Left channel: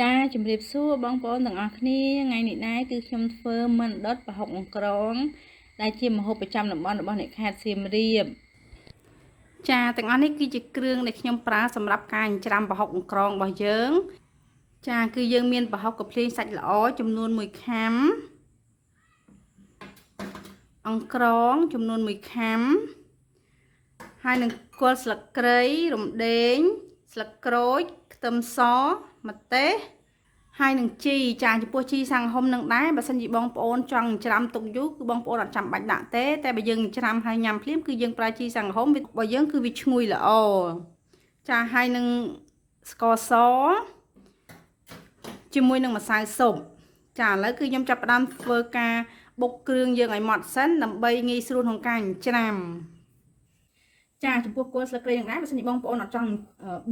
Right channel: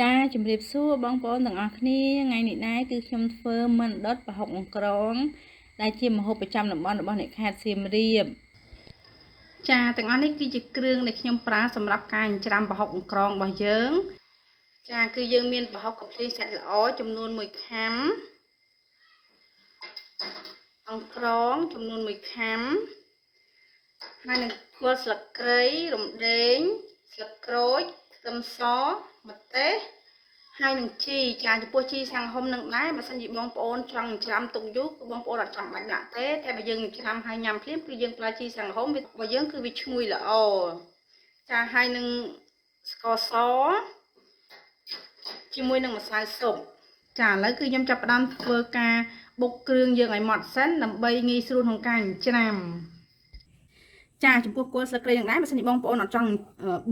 ចាជំរាបសួរបងប្អូនទាំងអស់គ្នាថ្ងៃនេះដែរគឺខ្ញុំធ្វើមិនដុតប្រហុកអង្ក្រងដែលជាម្ហូបប្រចាំតំបន់របស់អ្នកខេត្តសៀមរាបចាទាំងអស់នេះគឺជាគ្រឿងដែលខ្ញុំប្រើសម្រាប់ការចិញ្ច្រាំប្រហុកអង្ក្រងរបស់យើងចាគឺយើងមានប្រហុកកាភ្លេងសាច់ល្អចំនួន1ខាំអង្ក្រងចំនួន1ខាំហើយនឹងគល់ស្លឹកគ្រៃរំដេងស្លឹកក្រូចខ្ទឹមសម្ទេសហើយនឹងជីចាចំពោះជីសាំងហុំនឹងដែរបើសិនជាបងប្អូនចង់ច្រាំទុកយូរគឺបងប្អូនអត់ចាំបាច់ដាក់ទេតែបើយើងច្រាំហើយញ៉ាំភ្លាមគឺយើងប្រើជីសាំងហុំរបស់យើងគឺវាឈ្ងុយល្អចាហើយនឹងស្ករសជាមួយនឹងម្សៅស៊ុបចាឥឡូវគឺខ្ញុំចាប់ផ្ដើមធ្វើការបុកគ្រឿងយើងឲ្យម៉ត់សិនដើម្បីងាយស្រួលក្នុងការច្រាំចាចំពោះគល់ស្លឹកគ្រៃនឹងដែរបើសិនជាបងប្អូនអត់ចង់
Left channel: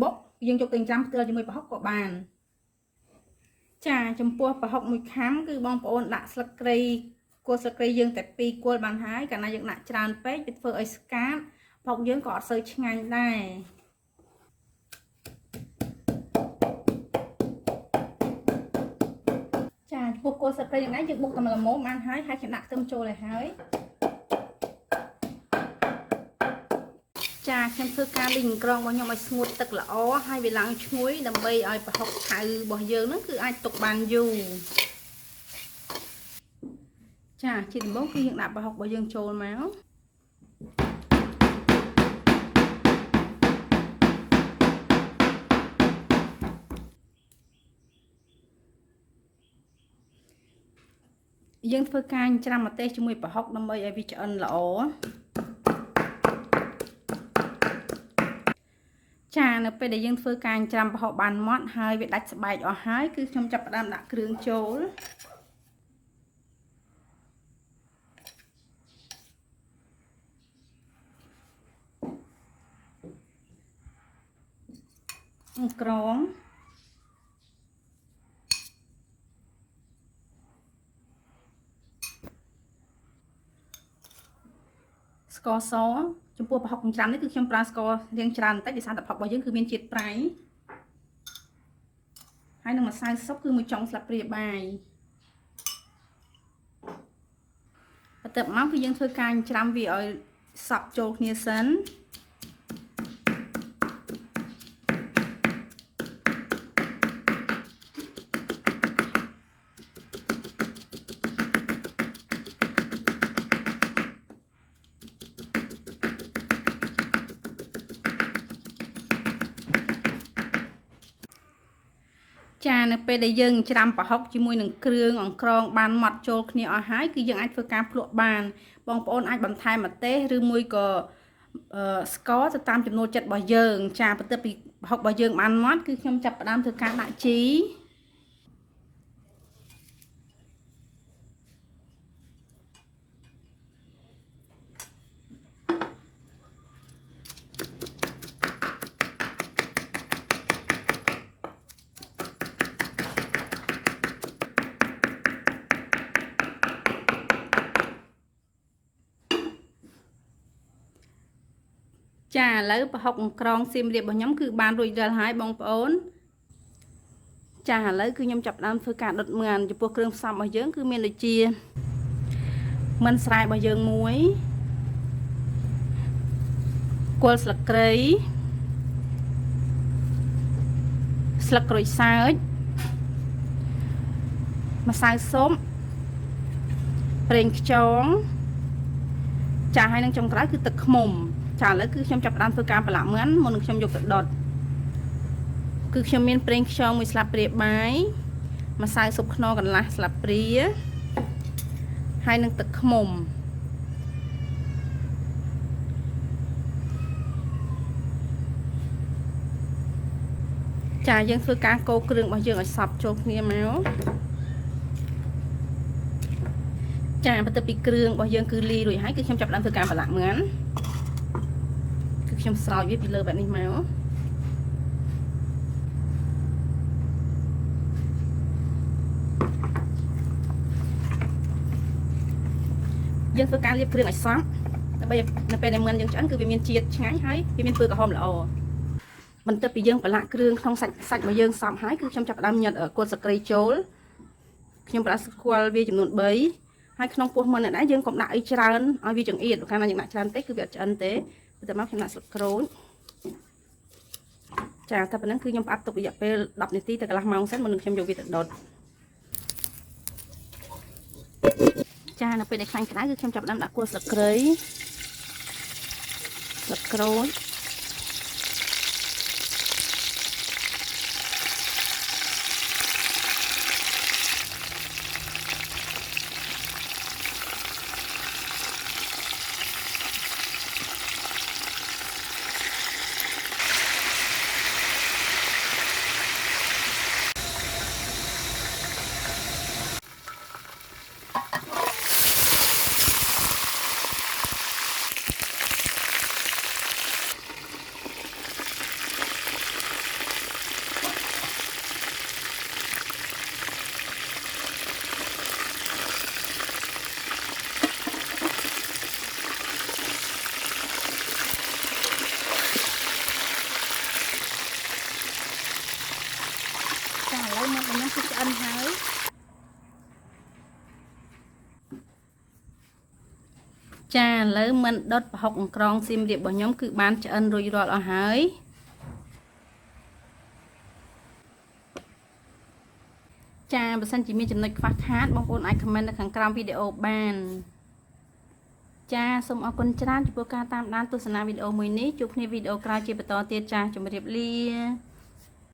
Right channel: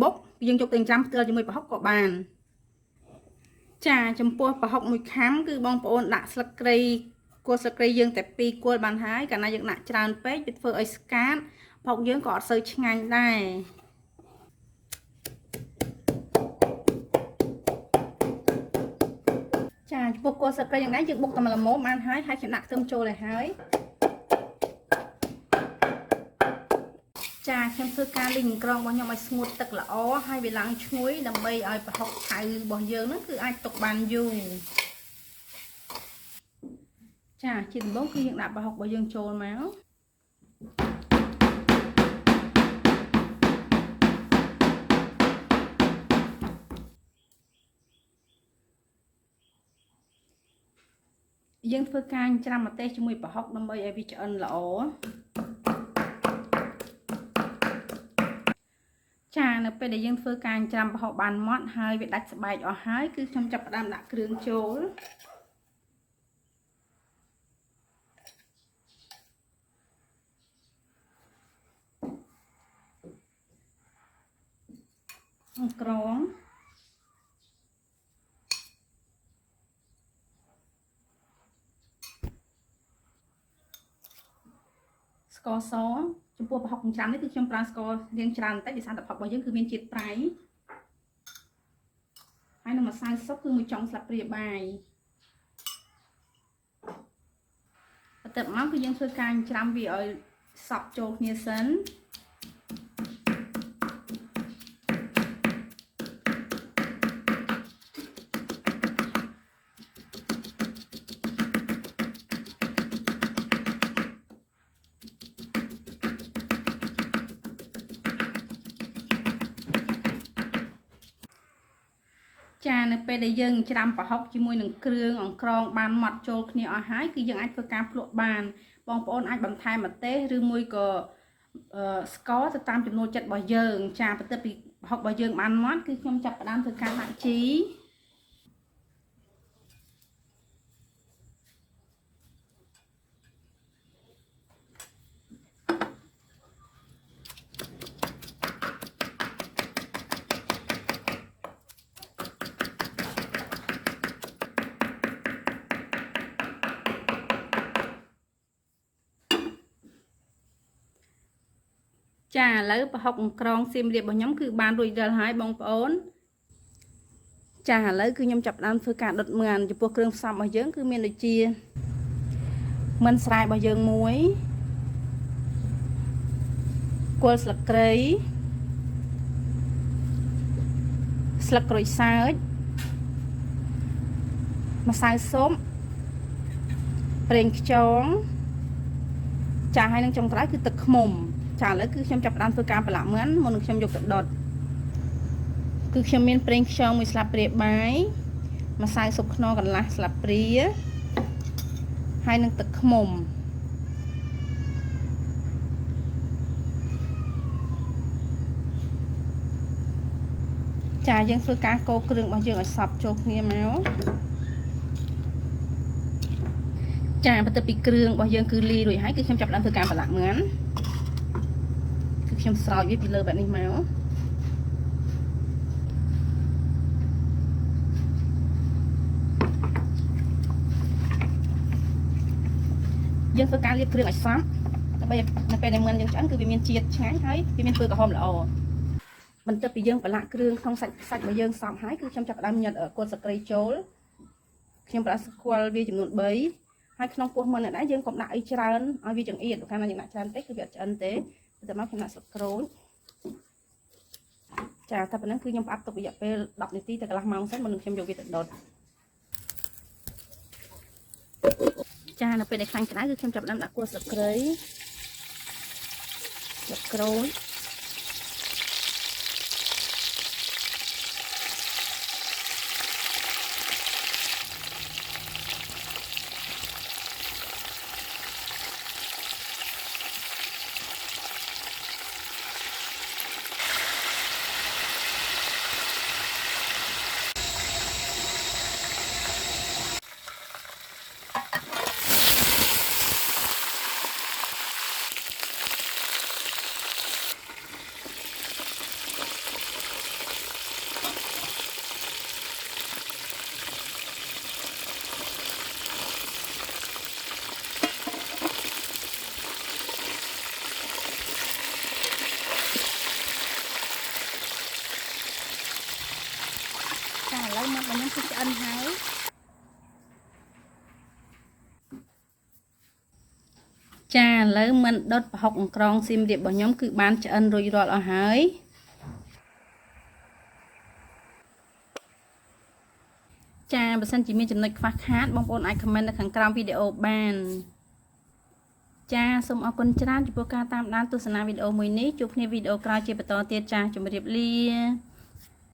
បុកយើងយកទៅច្រាំផ្ទាល់ជាមួយប្រហុកក៏បានចាចំពោះប្រហុក1ខាំគឺបងប្អូនដាក់ស្លឹកគ្រៃគល់ស្លឹកគ្រៃយើងតែ2គល់បានហើយកាលណាយើងដាក់ច្រើនពេកវាធ្វើឲ្យស្កាតប្រហុកយើងក៏អត់សូវឆ្ងាញ់ដែរចាចំពោះគល់ស្លឹកគ្រៃយ៉ាងណាយើងបុកតែល្មមបានហើយខ្ញុំដាក់ខ្ទឹមចូលឲ្យហើយចាខ្ញុំធ្វើការលីងអង្ក្រងរបស់ខ្ញុំឲ្យស្ងួតទឹកល្អហើយវាឡើងឈ្ងុយដើម្បីឲ្យប្រហុកថៅរបស់យើងហ្នឹងគឺអាចទុកបានយូរចាជាដំបូងគឺយើងដាក់ប្រហុករបស់យើងចូលមកយើងធ្វើការច្រាំម្ទេសជាមួយប្រហុកដើម្បីឲ្យវាឆ្អិនល្អចានៅពេលដែលយើងធ្វើការច្រាំប្រហុកបានម៉ត់ហើយវាដាច់ស្បែកអស់ហើយគឺខ្ញុំចាប់ផ្ដើមដាក់គ្រឿងចូលអង្ក្រងស្ករសចំពោះប្រហុកចិញ្ច្រាំនេះគឺខ្ញុំប្រើស្កររាងច្រើនបន្តិចដោយសារតែប្រហុករបស់យើងគឺមានជាតិប្រៃហើយនឹងម្សៅស៊ុបគឺ1ចុងស្លាបព្រាបាយបន្ទាប់មកគឺយើងធ្វើការចិញ្ច្រាំវាឲ្យសព្វចូលគ្នាសិនចានៅពេលដែលយើងច្រាំប្រហុកជាមួយនឹងគ្រឿងអង្ក្រងបានម៉ត់ចូលគ្នាអស់ហើយគឺយើងអាចធ្វើការភ្លក់បានបងប្អូនអាចបន្ថែមម្ទេសឬមួយក៏ស្ករទៅតាមចំណូលចិត្តរបស់យើងចាបន្ទាប់ពីប្រហុករបស់យើងបានម៉ត់គឺខ្ញុំចាប់ផ្ដើមធ្វើការដាក់ជីចាឥឡូវប្រហុកអង្ក្រងសៀមរាបរបស់ខ្ញុំគឺបានរួចរាល់ហើយបងប្អូនចាឥឡូវគឺខ្ញុំចាប់ផ្ដើមធ្វើការដុតមើលចំពោះគ្រឿងផ្សំរបស់យើងគឺមានដូចជាមិនស្រែរបស់យើងមួយគល់ស្លឹកគ្រៃស្លឹកក្រូចសើចម្សៅស៊ុបប្រេងខ្យងចាហើយនឹងចុងក្រោយគឺទឹកឃ្មុំចាឥឡូវគឺខ្ញុំចាប់ផ្ដើមធ្វើការប្រឡាក់មើលមុននឹងខ្ញុំយកទៅដុតគឺខ្ញុំមានប្រេងខ្យង1ស្លាបព្រាបាយម្សៅស៊ុបខ្នុរកន្លះស្លាបព្រាហើយនឹងទឹកឃ្មុំចាយើងធ្វើការកូរគ្រឿងរបស់យើងឲ្យសព្វចូលគ្នាមកចាបន្ទាប់ពីគ្រឿងរបស់យើងគឺលីរួចហើយគឺខ្ញុំចាប់ផ្ដើមធ្វើការប្រឡាក់មើលគឺខ្ញុំស្រោចវាពីលើបែបនេះមកយើងធ្វើការលាបគ្រឿងឲ្យសព្វដើម្បីនៅពេលដែលមើលយើងឆ្អិនគឺវាមានជាតិឆ្ងាញ់ហើយវាមានពណ៌ក្រហមល្អប បន្ទាប់ពីយើងប្រឡាក់គ្រឿងក្នុងសាច់មកយើងសពហើយគឺខ្ញុំចាប់ផ្ដើមញ៉ាត់គល់ស្លឹកគ្រៃចូលខ្ញុំប្រដាក់ស្គាល់វាចំនួន3ហើយក្នុងពោះមុននេះដែរយើងកុំដាក់អីច្រើនឲ្យវាចង្អៀតកាលណាយើងដាក់ច្រើនពេកគឺវាអត់ឆ្អិនទេតែមកខ្ញុំដាក់ស្លឹកក្រូចចាតែប៉ុណ្ណឹងគឺខ្ញុំផ្អាប់ទុករយៈពេល10នាទីទៅកន្លះម៉ោងសិនមុននឹងខ្ញុំយកវាទៅដុតចានៅពេលដែលខ្លាញ់ក្តៅគឺខ្ញុំចាប់ផ្ដើមដាក់គល់ស្លឹកគ្រៃស្លឹកក្រូចចាឥឡូវមកខ្ញុំគឺឆ្អិនហើយចាឥឡូវមិនដុតប្រហុកអង្ក្រងសៀមរាបរបស់ខ្ញុំគឺបានឆ្អិនរួចរាល់អស់ហើយចាបើសិនជាមានចំណុចខ្វះខាតបងប្អូនអាចខមមិននៅខាងក្រោមវីដេអូបានចាសូមអរគុណច្រើនចំពោះការតាមដានទស្សនាវីដេអូមួយនេះជួបគ្នាវីដេអូក្រោយជាបន្តទៀតចាជម្រាបលា